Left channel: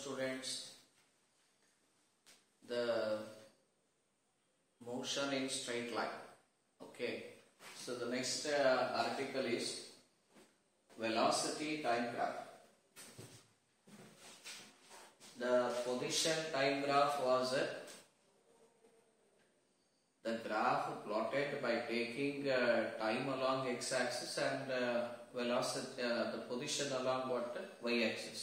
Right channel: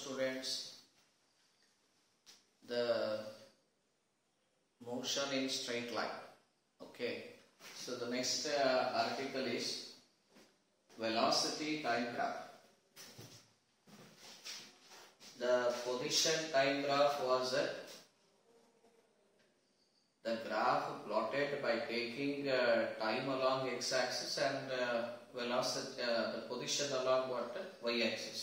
students, the motion in straight line. Okay, so the next article is velocity time graph. The position time graph was the graph plotted by taking time along x-axis and velocity, the position along what y-axis.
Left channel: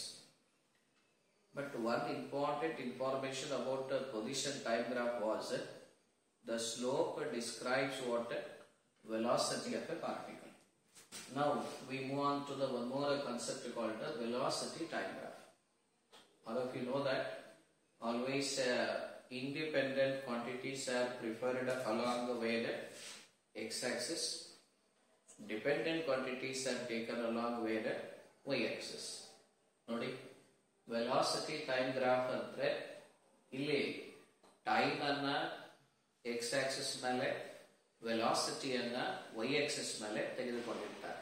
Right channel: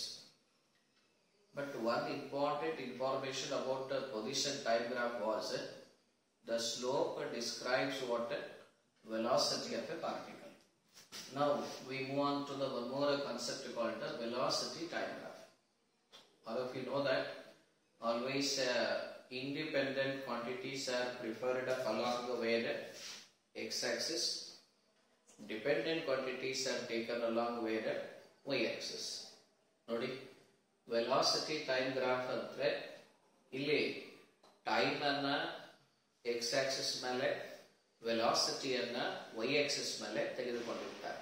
But one important information about the position time graph was the slope describes what velocity of a particle. Now we move on to the one more concept called the velocity time graph. All of you know that always independent quantities are preferred along the way x-axis. Dependent quantities are taken along way y-axis. Nodi, velocity time graph andre illi time anna x-axis mele velocity anna y-axis mele ತೆಗೆದುಕೊಂಡಿರ್ತಾರೆ.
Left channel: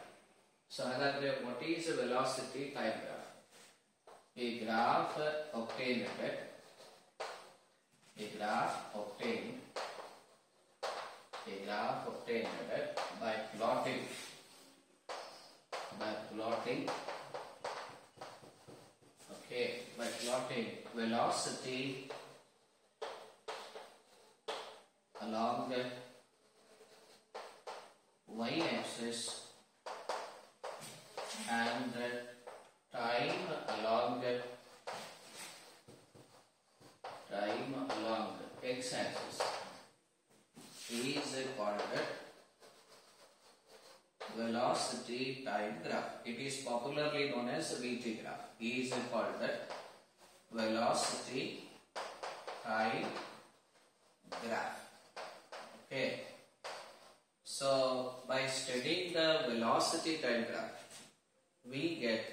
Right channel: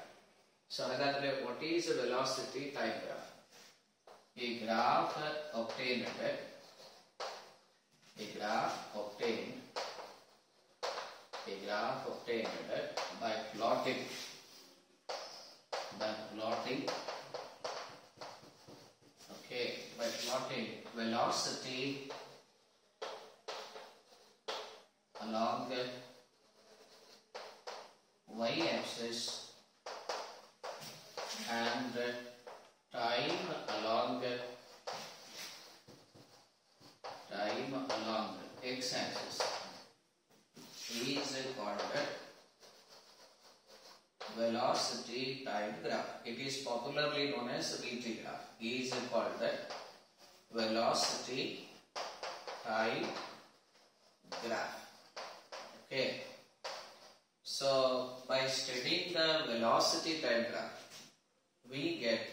So ಹಾಗಾದ್ರೆ what is a velocity time graph? A graph obtained by plotting velocity along the y-axis and time along x-axis is called velocity time graph. It is popularly known as VT graph. It is called velocity time graph. Okay. So by studying the velocity time graph, we get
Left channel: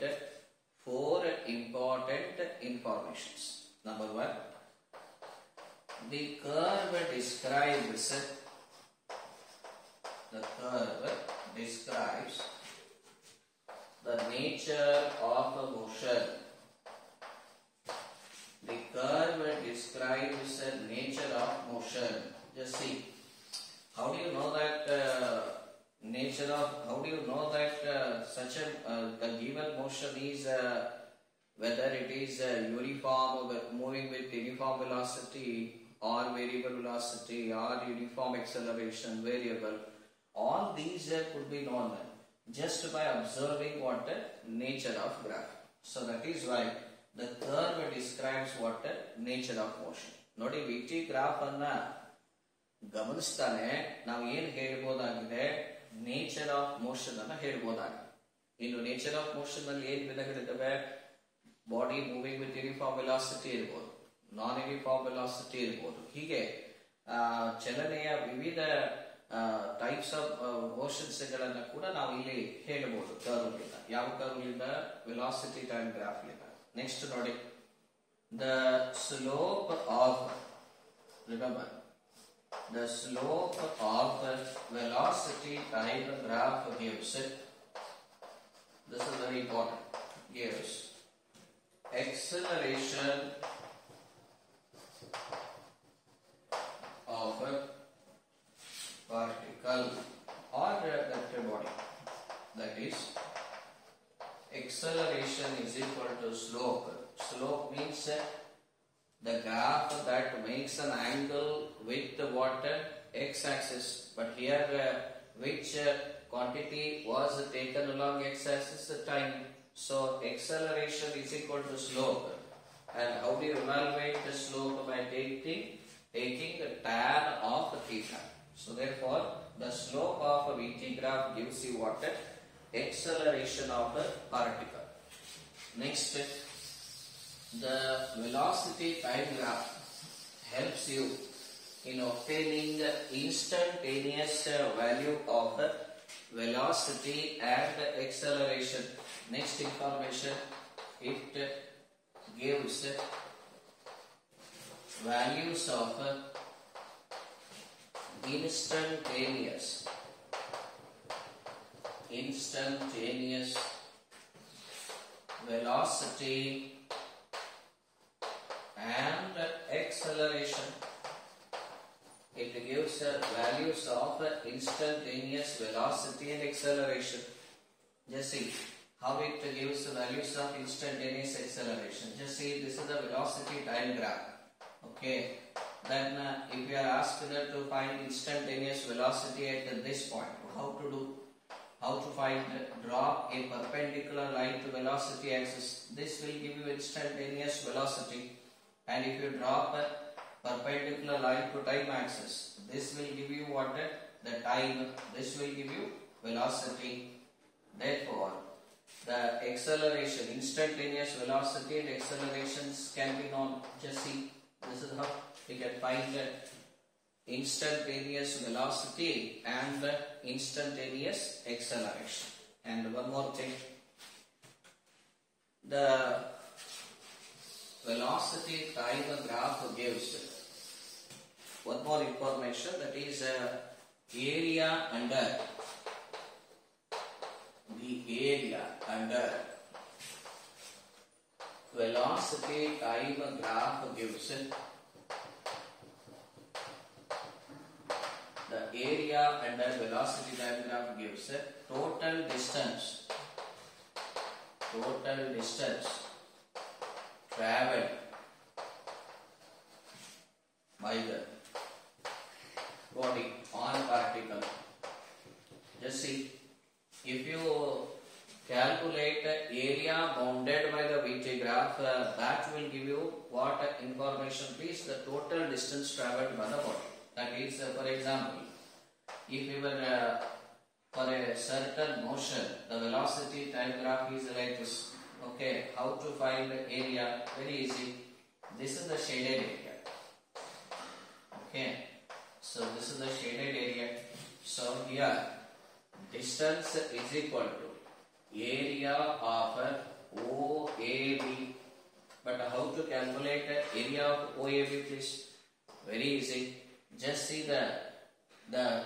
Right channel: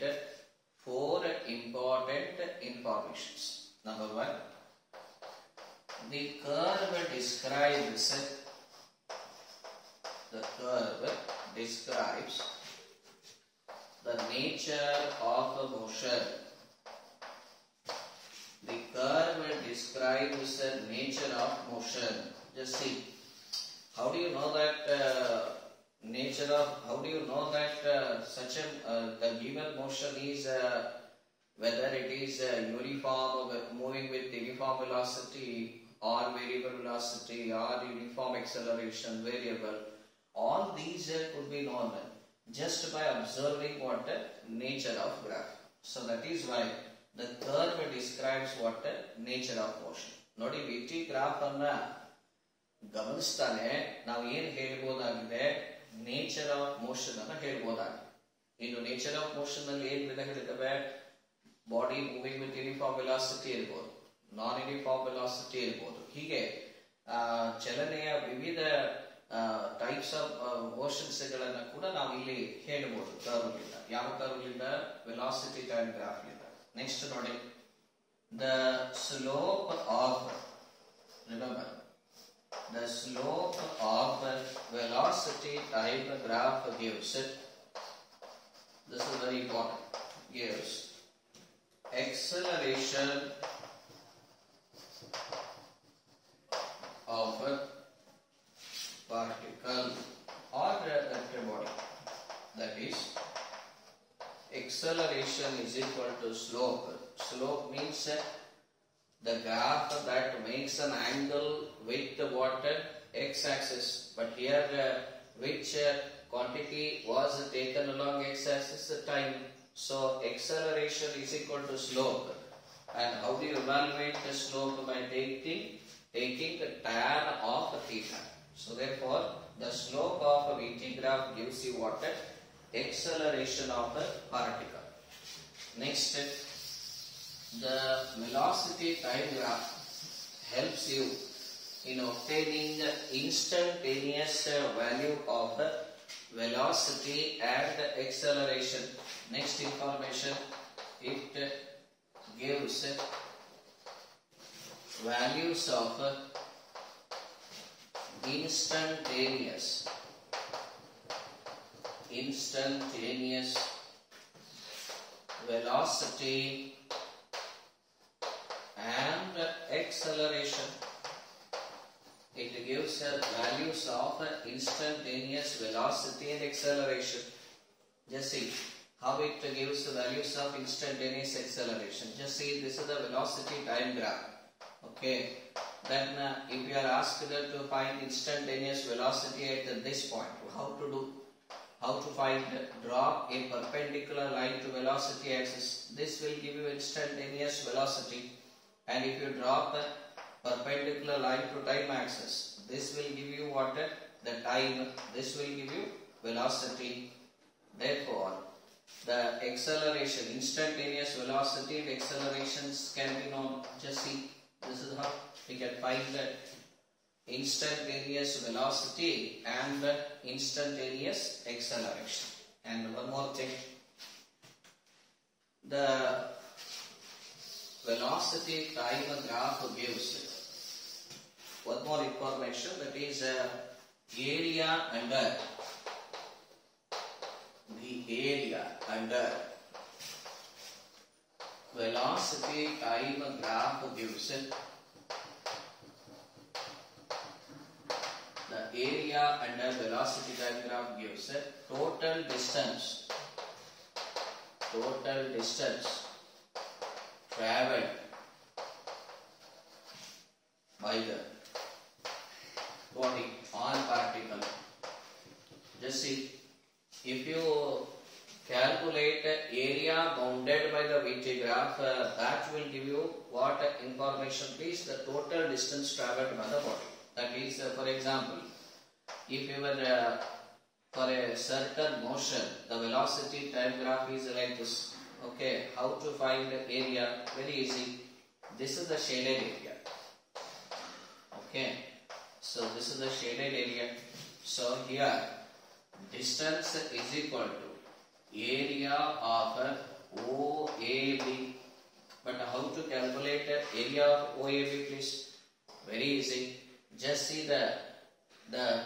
4 important informations. Number 1, the curve describes the nature of the motion. The curve describes the nature of motion. Just see, how do you know that such the given motion is whether it is uniform, moving with uniform velocity or variable velocity or uniform acceleration variable? All these could be known just by observing what nature of graph. So that is why the curve describes what nature of motion. Nodi VT graph anna ಗಮನಿಸ್ತಾನೆ ನಾವು ಏನು ಹೇಳಬಹುದಾಗಿದೆ, nature of motion ಅನ್ನ ಹೇಳಬಹುದಾಗಿದೆ. ಇನ್ನು nature of motion ಅಲ್ಲಿ ಏನು ವಿಧಗಳಿದ್ದಾವೆ? Body moving with uniform velocity ಇರಬಹುದು, ನಾನ್ ಯೂನಿಫಾರ್ಮ್ ವೆಲಾಸಿಟಿ ಇರಬಹುದು. ಹೀಗೆ ಚಲನೆಯ ವಿವಿಧ ಟೈಪ್ಸ್ ಆಫ್ ಮೋಷನ್ಸ್ ಗಳನ್ನ ಕೂಡ ನಾವು ಇಲ್ಲಿ ಹೇಳಬಹುದು ಕರ್ವ್ ಲಿಂದ. ಯಾವ ಕರ್ವ್ ಲಿಂದ? ವೆಲಾಸಿಟಿ ಟೈಮ್ ಗ್ರಾಫ್ ಲಿಂದ. ನೆಕ್ಸ್ಟ್ ನೋಡಿ, the slope of, remember, the slope of velocity time graph gives, this is very important, gives acceleration of a particle or a body. That is, acceleration is equal to slope. Slope means the graph that makes an angle with what x-axis, but here which quantity was taken along x-axis? Time. So acceleration is equal to slope. And how do you evaluate the slope? By taking the tan of theta. So therefore the slope of a VT graph gives you what? Acceleration of a particle. Next, the velocity time graph helps you in obtaining the instantaneous value of the velocity and the acceleration. Next information, it gives values of instantaneous velocity acceleration. It gives values of instantaneous velocity and acceleration. Just see how it gives values of instantaneous acceleration. Just see, this is the velocity time graph. Okay. Then if you are asked to find instantaneous velocity at this point, how to do? How to find? Drop a perpendicular line to velocity axis. This will give you instantaneous velocity. And if you drop a perpendicular line to time axis, this will give you what? The time. This will give you velocity. Therefore, the acceleration, instantaneous velocity and accelerations can be known. Just see, this is how we can find the instantaneous velocity and the instantaneous acceleration. And one more thing, the velocity time graph gives one more information, that is area under velocity time graph gives the area under velocity time graph gives total distance traveled by the body on particle. Just see, if you calculate area bounded by the VT graph, that will give you what information, please? The total distance traveled by the body. That is, for example, if you were for a certain motion, the velocity time graph is like this. Okay, how to find the area? Very easy. This is the shaded area. Okay, so this is the shaded area. So here, distance is equal to area of OAB. But how to calculate the area of OAB, please? Very easy. Just see the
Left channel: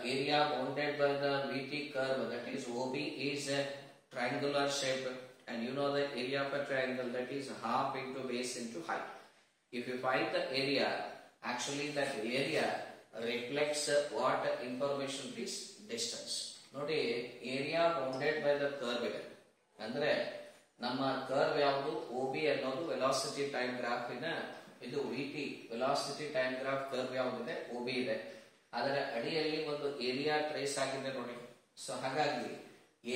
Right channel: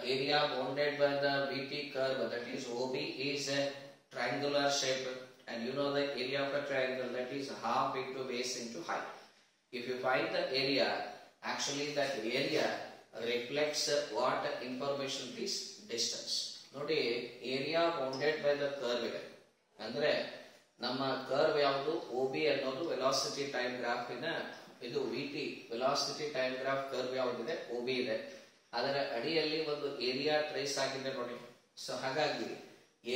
area bounded by the VT curve, that is OB, is a triangular shape, and you know the area of a triangle, that is half into base into height. If you find the area, actually that area reflects what information, please? Distance. Nodi, area bounded by the curve ide. Andre ನಮ್ಮ ಕರ್ವ್ ಯಾವುದು OB ಅನ್ನೋದು velocity time graph ಇದು VT velocity time graph curve ಯಾವುದಿದೆ OB ಇದೆ. ಅದರ ಅಡಿಯಲ್ಲಿ ಒಂದು area trace ಆಗಿದೆ ನೋಡಿ. ಸೊ ಹಾಗಾಗಿ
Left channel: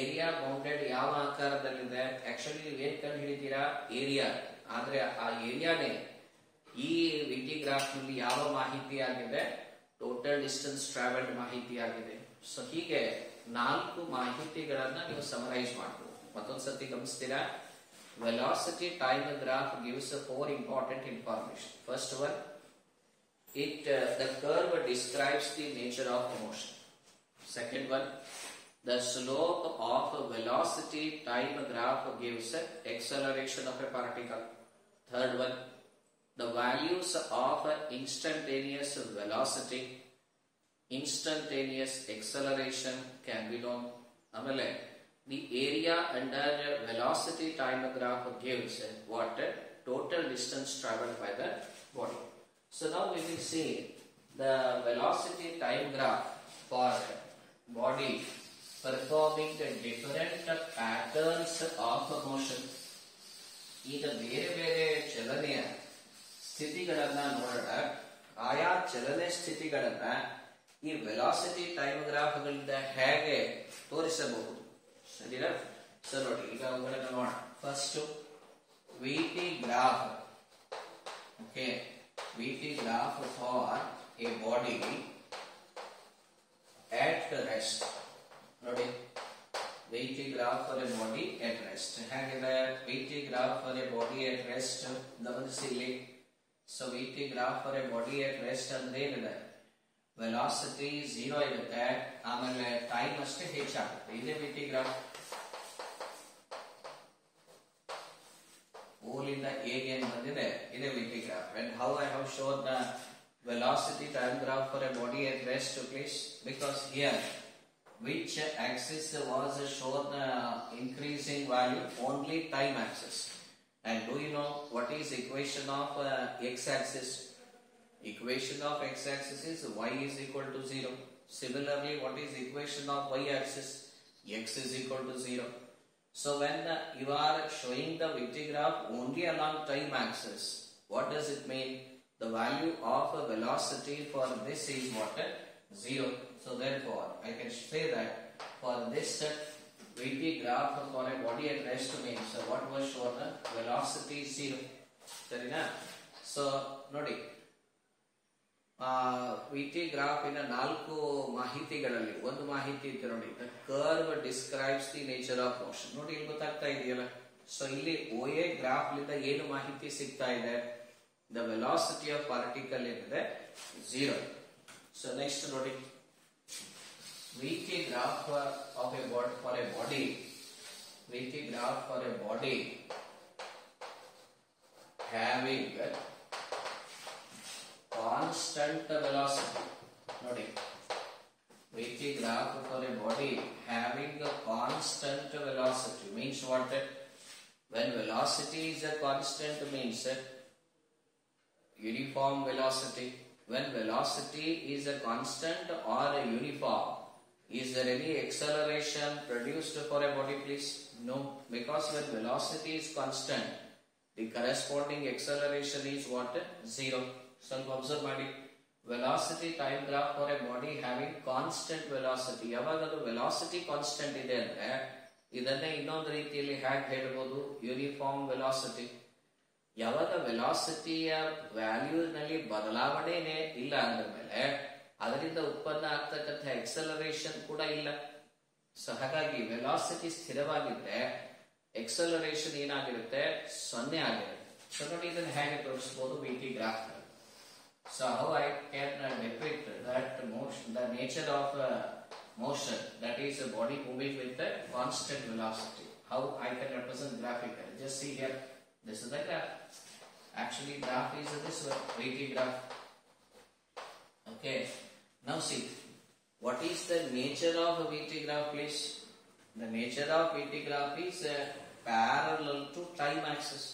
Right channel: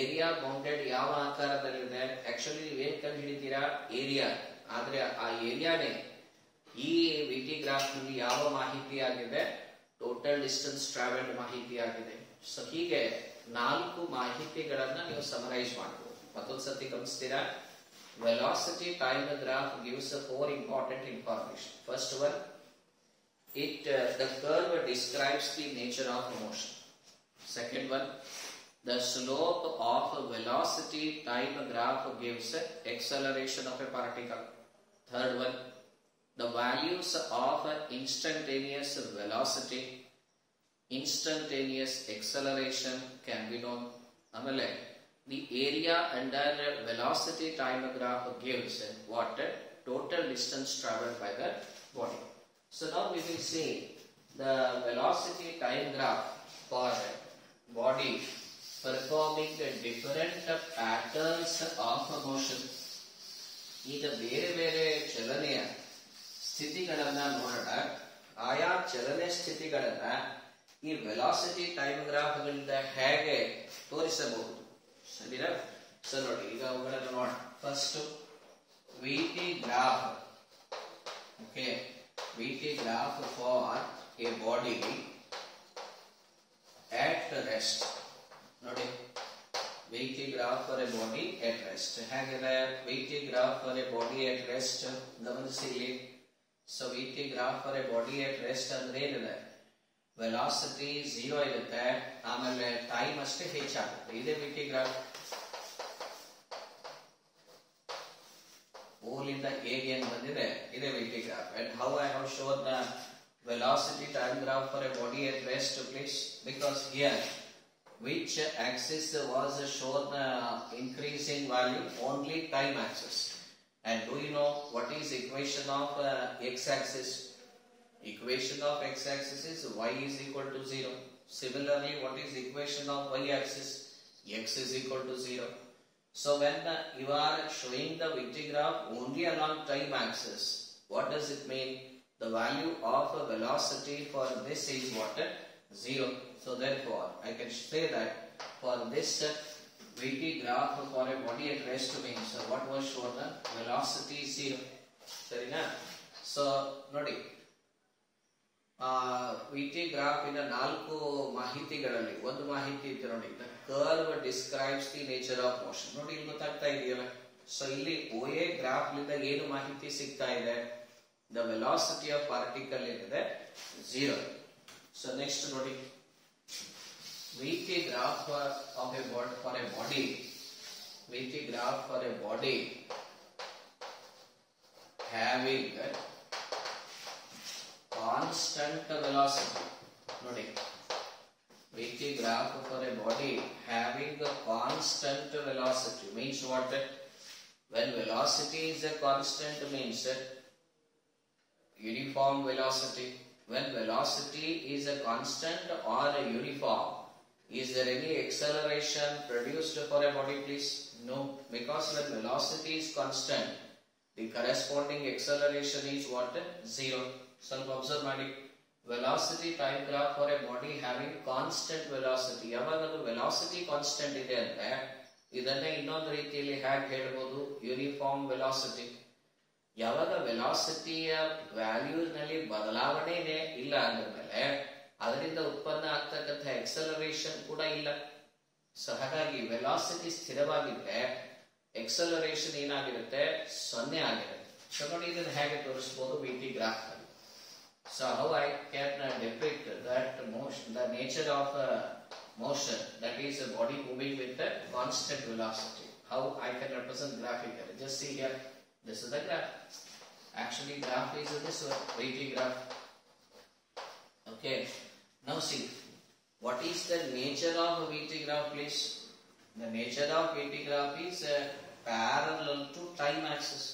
ಏರಿಯಾ ಬೌಂಡೆಡ್ ಯಾವ ಆಕಾರದಲ್ಲಿದೆ, ಆಕ್ಚುಲಿ ನೀವು ಏನ್ ಕಂಡು ಹಿಡಿತೀರಾ? ಏರಿಯಾ. ಆದ್ರೆ ಆ ಏರಿಯಾನೇ ಈ VT ಗ್ರಾಫ್ ನಲ್ಲಿ ಯಾವ ಮಾಹಿತಿ ಆಗಿದೆ? ಟೋಟಲ್ ಡಿಸ್ಟೆನ್ಸ್ ಟ್ರಾವೆಲ್ಡ್ ಮಾಹಿತಿ ಆಗಿದೆ. ಸೊ ಹೀಗೆ 4 ಮಾಹಿತಿಗಳನ್ನ ನೀವು ಸಮರೈಸ್ ಮಾಡಬಹುದು. ಮತ್ತೊಂದ್ಸತಿ ಗಮನಿಸ್ತೀರಾ? Velocity time graph gives 4 important information. First one, the curve describes the nature of motion. Second one, the slope of velocity time graph gives acceleration of a particle. Third one, the values of instantaneous velocity, instantaneous acceleration can be known. Amale, the area under velocity time graph gives what? Total distance traveled by the body. So now we will see the velocity time graph for body performing the different patterns of motion. ಈಗ ಬೇರೆ ಬೇರೆ ಚಲನೆಯ ಸ್ಥಿತಿಗಳನ್ನ ನೋಡೋಣ. ಆಯಾ ಚಲನೆ ಸ್ಥಿತಿಗಳನ್ನ ಈ ವೆಲಾಸಿಟಿ ಟೈಮ್ ಗ್ರಾಫ್ ಗಳಿಂದ ಹೇಗೆ ತೋರಿಸಬಹುದು? ಸರಿನಾ? ಸೊ ನೋಡಿ, ಈಗ ಅವುಗಳನ್ನು ನೋಡೋಣ. First VT graph. Okay, VT graph for a body at rest. ನೋಡಿ, VT graph for a body at rest. ಹೇಗಿದೆ VT graph for a body at rest? ಗಮನಿಸಿ ಇಲ್ಲಿ. So VT graph for a body at rest ಅಂದ್ರೆ ಏನಿದೆ? ವೆಲಾಸಿಟಿ 0 ಇರುತ್ತೆ, ಆಮೇಲೆ ಟೈಮ್ ಅಷ್ಟೇ ಹೆಚ್ಚಾಗುತ್ತೆ. ಇದೇ VT graph. ಓಲಿಂದ ಹೇಗೆ ಏನು ಬಂದಿದೆ, ಇದೇ VT graph. And how I have shown the velocity time graph for a body at rest, please? Because here, which axis was shown increasing value? Only time axis. And do you know what is equation of x axis? Equation of x-axis is y is equal to 0. Similarly, what is equation of y-axis? X is equal to 0. So when you are showing the VT graph only along time axis, what does it mean? The value of a velocity for this is what? 0. So therefore, I can say that for this VT graph for a body at rest means what was shown? Velocity is 0. Sarina? So, nodi. VT graph in a ನಾಲ್ಕು ಮಾಹಿತಿಗಳಲ್ಲಿ ಒಂದು ಮಾಹಿತಿ ಇದೆ ನೋಡಿ. The curve describes the nature of motion. ನೋಡಿ ಇಲ್ಲಿ ಗೊತ್ತಾಗ್ತಾ ಇದೆಯಲ್ಲ. ಸೊ ಇಲ್ಲಿ OA ಗ್ರಾಫ್ ಲಿಂದ ಏನು ಮಾಹಿತಿ ಸಿಗ್ತಾ ಇದೆ? The velocity of particle ಏನಿದೆ 0. So next ನೋಡಿ. VT graph of a body. VT graph for a body having constant velocity. Nodi. VT graph for a body having a constant velocity means what? When velocity is a constant means uniform velocity. When velocity is a constant or a uniform, is there any acceleration produced for a body, please? No, because when velocity is constant, the corresponding acceleration is what? 0. ಸ್ವಲ್ಪ observe ಮಾಡಿ. Velocity time graph for a body having constant velocity. ಯಾವಾಗಲೂ velocity constant ಇದೆ ಅಂದ್ರೆ ಇದನ್ನ ಇನ್ನೊಂದು ರೀತಿಯಲ್ಲಿ ಹೇಗೆ ಹೇಳಬಹುದು? Uniform velocity. ಯಾವಾಗ ವೆಲಾಸಿಟಿಯ ವ್ಯಾಲ್ಯೂ ನಲ್ಲಿ ಬದಲಾವಣೆನೇ ಇಲ್ಲ ಅಂದ್ಮೇಲೆ ಅದರಿಂದ ಉತ್ಪನ್ನ ಆಗ್ತಕ್ಕಂಥ ಎಕ್ಸಲರೇಷನ್ ಕೂಡ ಇಲ್ಲ. ಸೊ ಹಾಗಾಗಿ ವೆಲಾಸಿಟಿ ಸ್ಥಿರವಾಗಿದ್ರೆ ಎಕ್ಸಲರೇಷನ್ ಏನಾಗಿರುತ್ತೆ? 0 ಆಗಿರುತ್ತೆ. ಸೊ ನೋಡಿ ಇದನ್ನು ಹೇಗೆ ತೋರಿಸಬಹುದು VT ಗ್ರಾಫ್ ನಲ್ಲಿ. So how I can depict that motion, the nature of motion, that is a body moving with a constant velocity. How I can represent graphically? Just see here. This is the graph. Actually, graph is this one, VT graph. Okay. Now see, what is the nature of a VT graph, please? The nature of VT graph is parallel to time axis.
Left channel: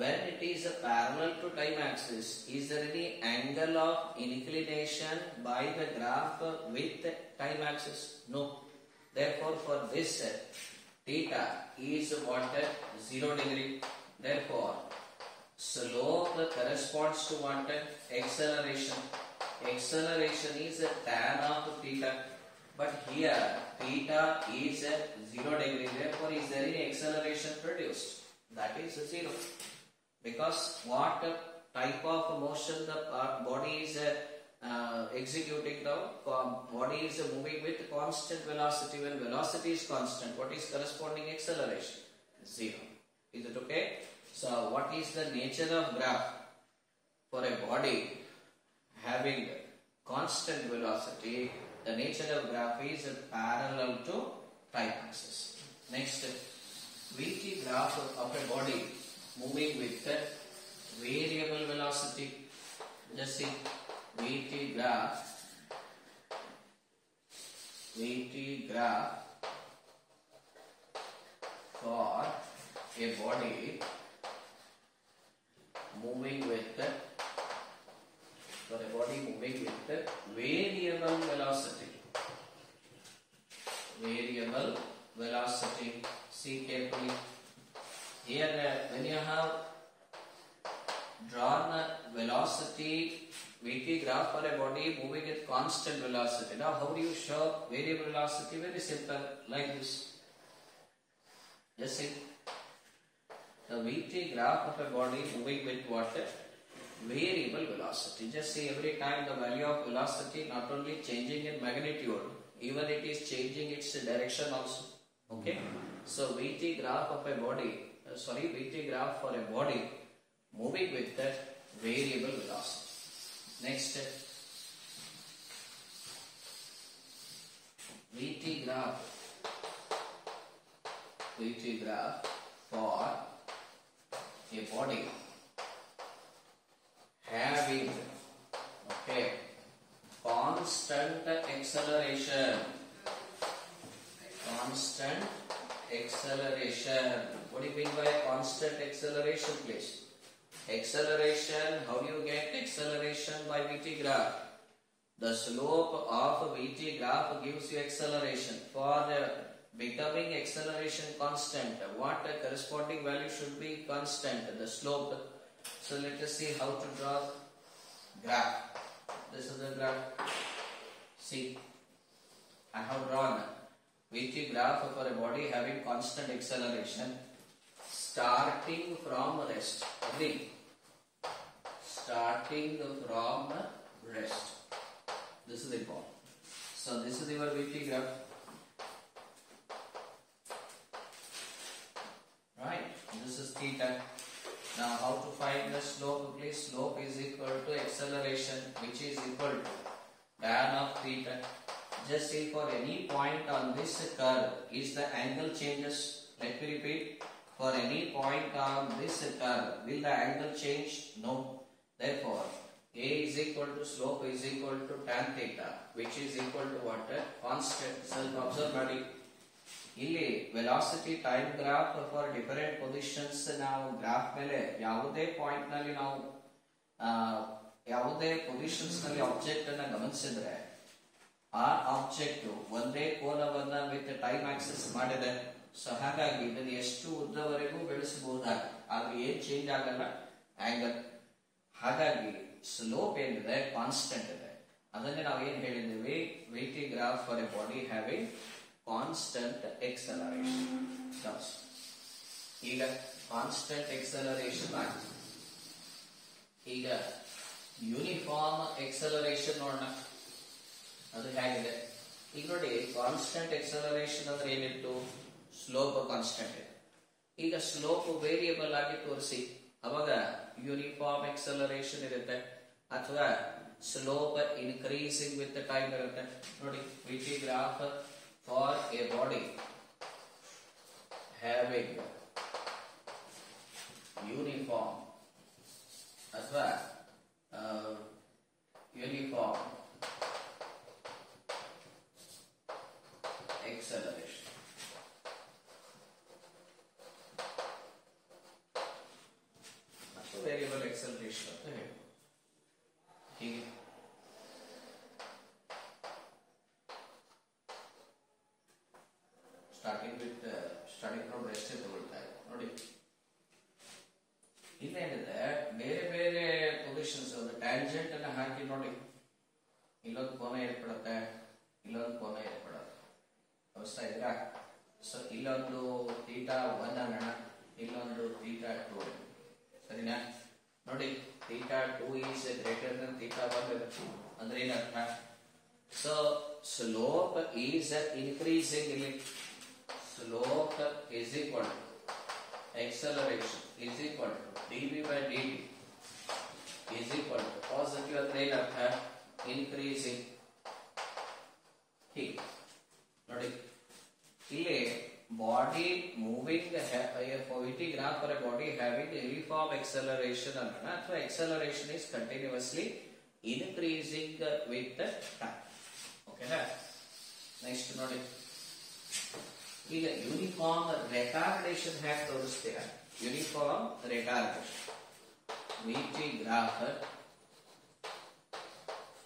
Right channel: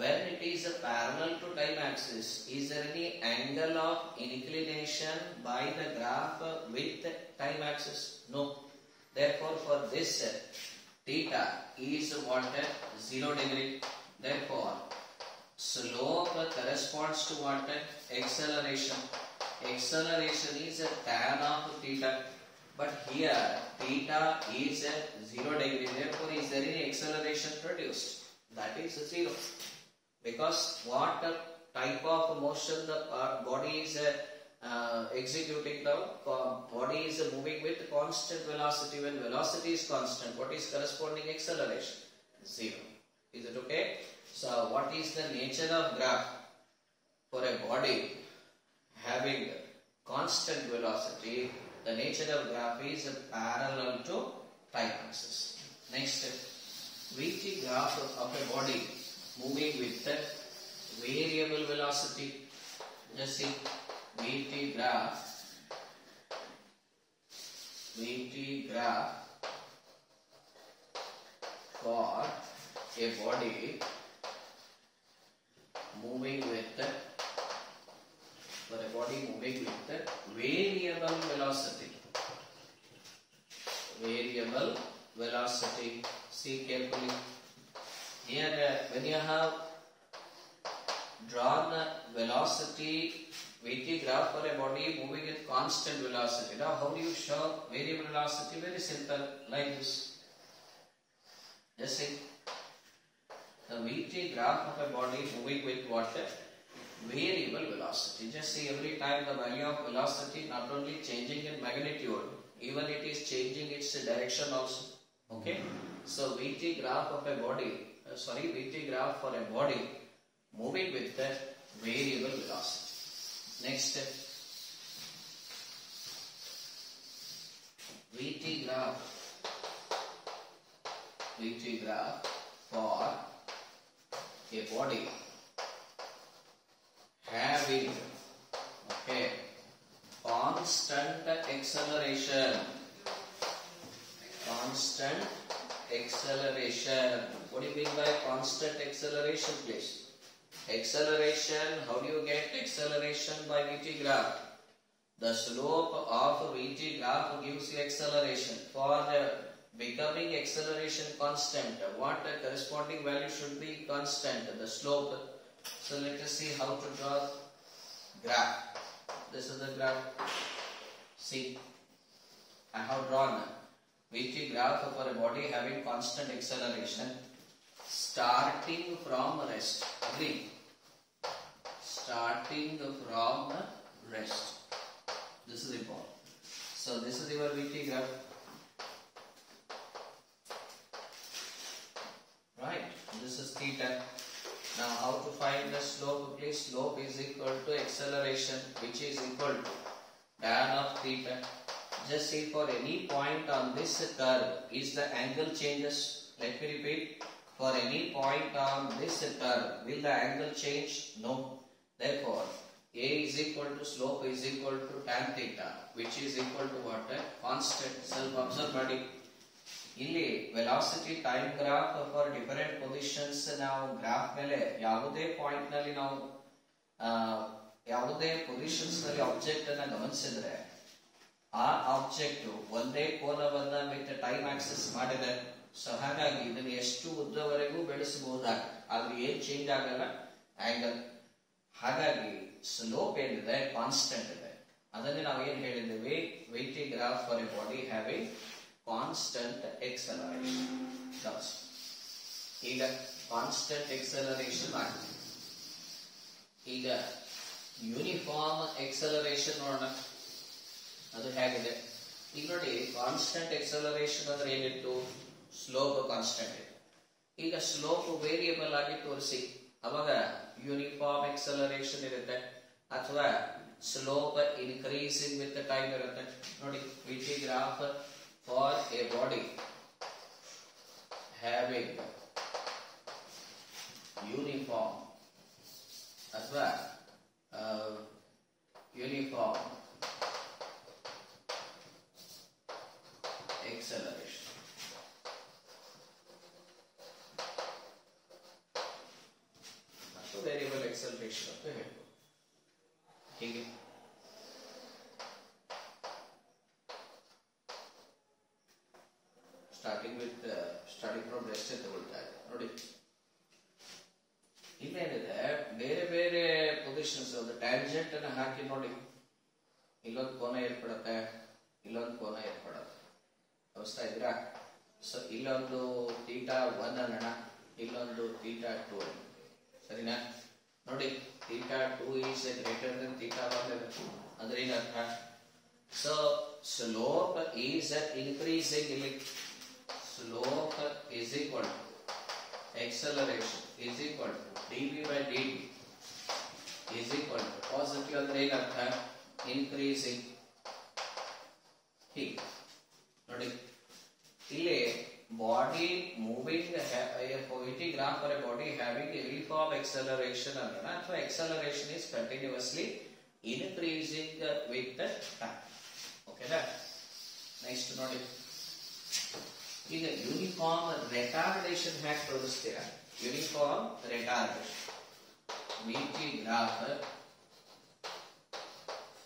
When it is parallel to time axis, is there any angle of inclination by the graph with time axis? No. Therefore, for this theta is what? 0 degree. Therefore, slope corresponds to what? Acceleration. Acceleration is tan of theta. But here, theta is 0 degree. Therefore, is there any acceleration produced? That is 0. Because what type of motion the body is executing now? Body is moving with constant velocity. When velocity is constant, what is corresponding acceleration? 0. Is it okay? So what is the nature of graph for a body having constant velocity? The nature of graph is parallel to time axis. Next, VT graph of a body moving with variable velocity. Just see VT graph for a body moving with variable velocity. Variable velocity. See carefully. Here, when you have drawn velocity VT graph for a body moving with constant velocity. Now, how do you show variable velocity? Very simple, like this. Just see the VT graph of a body moving with what? Variable velocity. Just see every time the value of velocity not only changing in magnitude, even it is changing its direction also. Okay. So VT graph of a body. VT graph for a body moving with that variable velocity. Next, VT graph for a body having constant acceleration. What do you mean by constant acceleration, please? Acceleration, how do you get acceleration by VT graph? The slope of VT graph gives you acceleration. For becoming acceleration constant, what corresponding value should be constant? The slope. So let us see how to draw graph. This is the graph. See, I have drawn VT graph for a body having constant acceleration starting from rest. Agree? Starting from rest. This is important. So this is your VT graph. Right? This is theta. Now how to find the slope? Please, slope is equal to acceleration, which is equal to tan of theta. Just see, for any point on this curve, is the angle changes? Let me repeat. For any point on this curve, will the angle change? No. Therefore, A is equal to slope is equal to tan theta, which is equal to what? Constant. Self-observe body. ಇಲ್ಲಿ velocity time graph for different positions ನಾವು ಗ್ರಾಫ್ ಮೇಲೆ ಯಾವುದೇ ಪಾಯಿಂಟ್ ನಲ್ಲಿ ನಾವು ಯಾವುದೇ ಪೊಸಿಷನ್ಸ್ ನಲ್ಲಿ ಆಬ್ಜೆಕ್ಟ್ ಅನ್ನ ಗಮನಿಸಿದ್ರೆ ಆ ಆಬ್ಜೆಕ್ಟ್ ಒಂದೇ ಕೋನವನ್ನ ವಿತ್ ಟೈಮ್ ಆಕ್ಸಿಸ್ ಮಾಡಿದೆ. ಸೊ ಹಾಗಾಗಿ ಇದನ್ನು ಎಷ್ಟು ಉದ್ದವರೆಗೂ ಬೆಳೆಸಬಹುದಾಗುತ್ತೆ, ಆದ್ರೆ ಏನ್ ಚೇಂಜ್ ಆಗಲ್ಲ ಆಂಗಲ್. ಹಾಗಾಗಿ ಸ್ಲೋಪ್ ಏನಿದೆ ಕಾನ್ಸ್ಟೆಂಟ್ ಇದೆ. ಅದನ್ನೇ ನಾವು ಏನ್ ಹೇಳಿದ್ದೀವಿ, V T graph for a body having constant acceleration. ಈಗ ಕಾನ್ಸ್ಟೆಂಟ್ ಎಕ್ಸಲರೇಷನ್ ಆಗಿದೆ. ಈಗ ಯೂನಿಫಾರ್ಮ್ ಎಕ್ಸಲರೇಷನ್ ನೋಡೋಣ, ಅದು ಹೇಗಿದೆ. ಈಗ ನೋಡಿ, ಕಾನ್ಸ್ಟೆಂಟ್ ಎಕ್ಸಲರೇಷನ್ ಅಂದ್ರೆ ಏನಿತ್ತು, ಸ್ಲೋಪ್ ಕಾನ್ಸ್ಟೆಂಟ್ ಇದೆ. ಈಗ ಸ್ಲೋಪ್ ವೇರಿಯಬಲ್ ಆಗಿ ತೋರಿಸಿ, ಅವಾಗ ಯೂನಿಫಾರ್ಮ್ ಎಕ್ಸಲರೇಷನ್ ಇರುತ್ತೆ, ಅಥವಾ ಸ್ಲೋಪ್ ಇನ್ಕ್ರೀಸಿಂಗ್ ವಿತ್ ಟೈಮ್ ಇರುತ್ತೆ. ನೋಡಿ, VT graph for a body having uniform ಅಥವಾ uniform acceleration. ಮತ್ತು ವೇರಿಯಬಲ್ acceleration ಅಂತ ಹೇಳಿ ಹೀಗೆ ಸ್ಟಾರ್ಟಿಂಗ್ ಫ್ರಮ್ ರೆಸ್ಟ್ ತಗೊಳ್ತಾ ಇದೆ. ನೋಡಿ, ಇಲ್ಲೇನಿದೆ, ಬೇರೆ ಬೇರೆ ಪೊಸಿಷನ್ಸ್ ಒಂದು ಟ್ಯಾಂಜೆಂಟ್ ಅನ್ನ ಹಾಕಿ ನೋಡಿ, ಇಲ್ಲೊಂದು ಕೋನ ಏರ್ಪಡುತ್ತೆ, ಇಲ್ಲೊಂದು ಕೋನ ಏರ್ಪಡುತ್ತೆ. ಗಮನಿಸ್ತಾ ಇದ್ದೀರಾ? ಸೊ ಇಲ್ಲೊಂದು ಥೀಟಾ 1 ಅನ್ನೋಣ, ಇಲ್ಲೊಂದು ಥೀಟಾ 2 ಅನ್ನೋಣ. ಸರಿನಾ? ನೋಡಿ, ಥೀಟಾ 2 ಈಸ್ ಗ್ರೇಟರ್ ದನ್ ಥೀಟಾ 1 ಇರುತ್ತೆ. ಅಂದ್ರೆ ಏನರ್ಥ? So slope is increasing. ಇಲ್ಲಿ slope is equal to acceleration is equal to dv by dt is equal to positive ಅಂದ್ರೆ ಏನರ್ಥ, increasing. ಹೀಗೆ ನೋಡಿ, ಇಲ್ಲಿ body moving V T graph for a body having uniform acceleration ಅನ್ನೋಣ, ಅಥವಾ acceleration is continuously increasing with time. ಓಕೆನಾ? Next ನೋಡಿ, ಈಗ ಯೂನಿಫಾರ್ಮ್ ರೆಟಾರ್ಡೇಷನ್ ಹ್ಯಾಕ್ ತೋರಿಸ್ತೀರ. Uniform retardation V T graph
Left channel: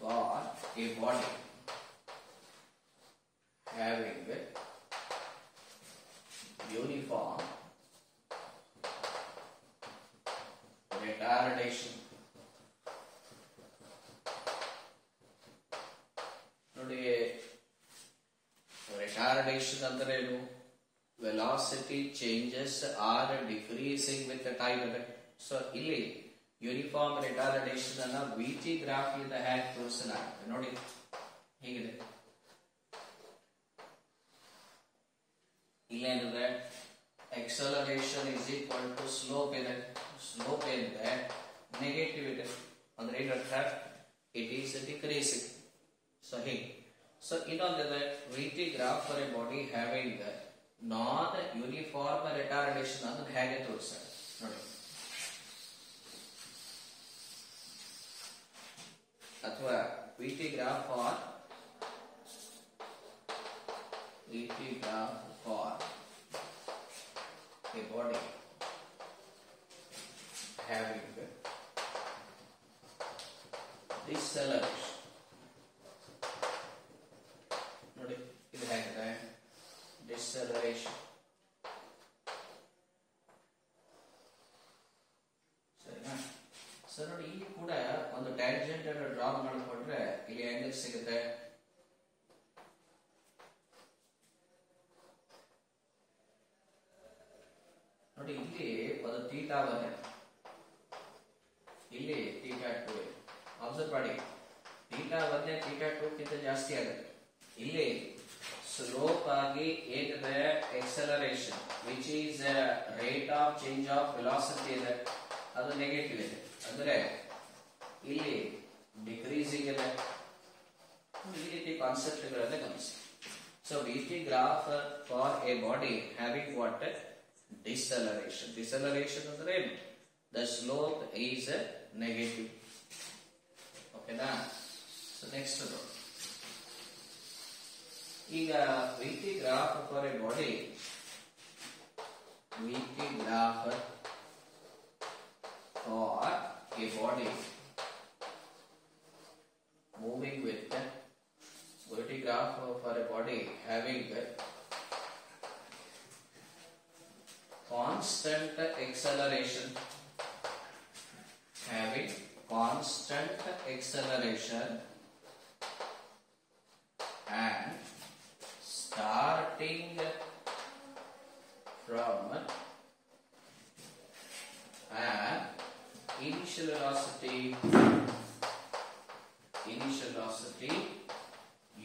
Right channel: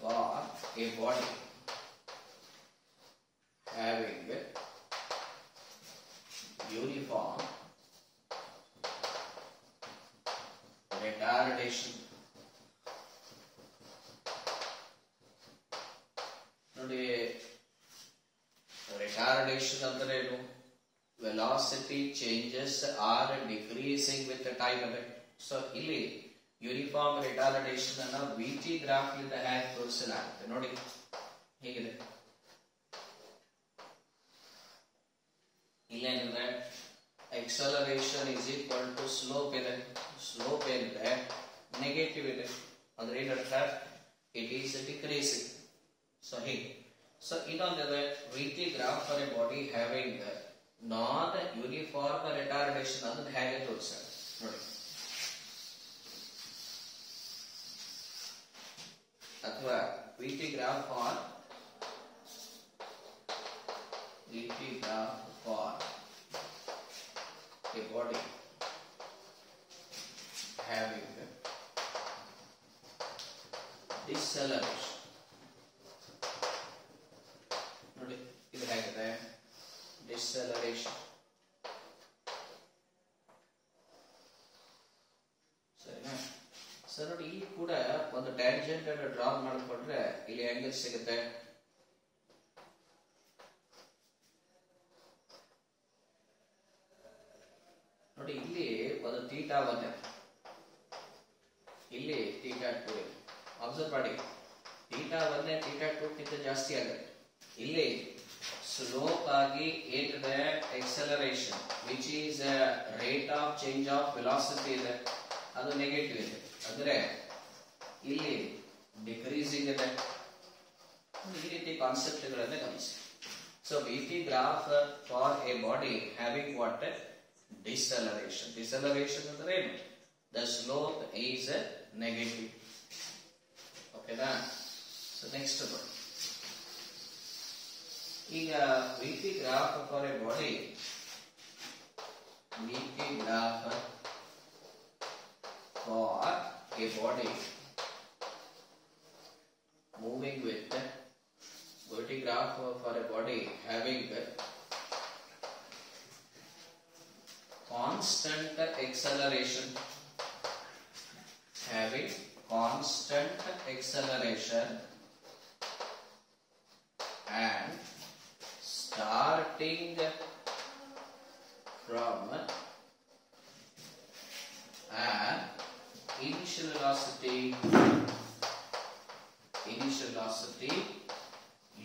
for a body having uniform retardation. ನೋಡಿ, ರೆಟಾರ್ಡೇಷನ್ ಅಂದ್ರೆ ಏನು? Velocity changes are decreasing with time affect. So ಇಲ್ಲಿ ಯೂನಿಫಾರ್ಮ್ ರೆಟಾರ್ಡೇಷನ್ ಅನ್ನ ವಿಟಿ ಗ್ರಾಫ್ ಇಂದ ಹ್ಯಾಕ್ ತೋರಿಸಲಾಗುತ್ತೆ. ನೋಡಿ ಹೇಗಿದೆ, ಇಲ್ಲೇನಿದೆ, acceleration is equal to slope ಇದೆ. ಸ್ಲೋಪ್ ಏನಿದೆ, ನೆಗೆಟಿವ್ ಇದೆ. ಅಂದ್ರೆ ಏನರ್ಥ, ಇಟ್ ಈಸ್ ಡಿಕ್ರೀಸಿಂಗ್. ಸೊ ಹೀಗೆ. ಸೊ ಇನ್ನೊಂದಿದೆ, V T graph for a body having non uniform retardation. ಅದನ್ನ ಹೇಗೆ ತೋರಿಸ ನೋಡಿ, ಅಥವಾ V T graph for a body having deceleration. ನೋಡಿ ಇದು ಹೇಗಿದೆ, ಡಿಸೆಲರೇಷನ್. ಸರಿನಾ ಸರ್? ನೋಡಿ ಇಲ್ಲಿ ಕೂಡ ಒಂದು ಟ್ಯಾಂಜೆಂಟ್ ಅನ್ನು ಡ್ರಾ ಮಾಡಿಕೊಂಡ್ರೆ ಇಲ್ಲಿ ಆಂಗಲ್ ಸಿಗುತ್ತೆ. ನೋಡಿ ಇಲ್ಲಿ ಒಂದು ಥೀಟಾ ಬಂದೆ, ಇಲ್ಲಿ ಥೀಟಾ 2. ಅಬ್ಸರ್ವ್ ಮಾಡಿ, ಥೀಟಾ 1 ಥೀಟಾ 2 ಗಿಂತ ಜಾಸ್ತಿ ಆಗುತ್ತೆ. ಇಲ್ಲಿ ಸ್ಲೋಪ್ ಆಗಿ ಏನಿದೆ, acceleration which is rate of change of velocity ಇದೆ, ಅದು ನೆಗೆಟಿವ್ ಇದೆ. ಅಂದ್ರೆ ಇಲ್ಲಿ ಡಿಕ್ರೀಸಿಂಗ್ ಇದೆ. ಈ ರೀತಿ ಕಾನ್ಸೆಪ್ಟ್ ಗಳನ್ನ ಗಮನಿಸಿ. So VT graph for a body having what, deceleration. Deceleration ಅಂದ್ರೆ ಏನು? The slope is negative. ಓಕೆನಾ? ಸೊ ನೆಕ್ಸ್ಟ್ ಈಗ VT graph for a body, VT graph for a body moving with VT graph for a body having constant acceleration, and starting from an initial velocity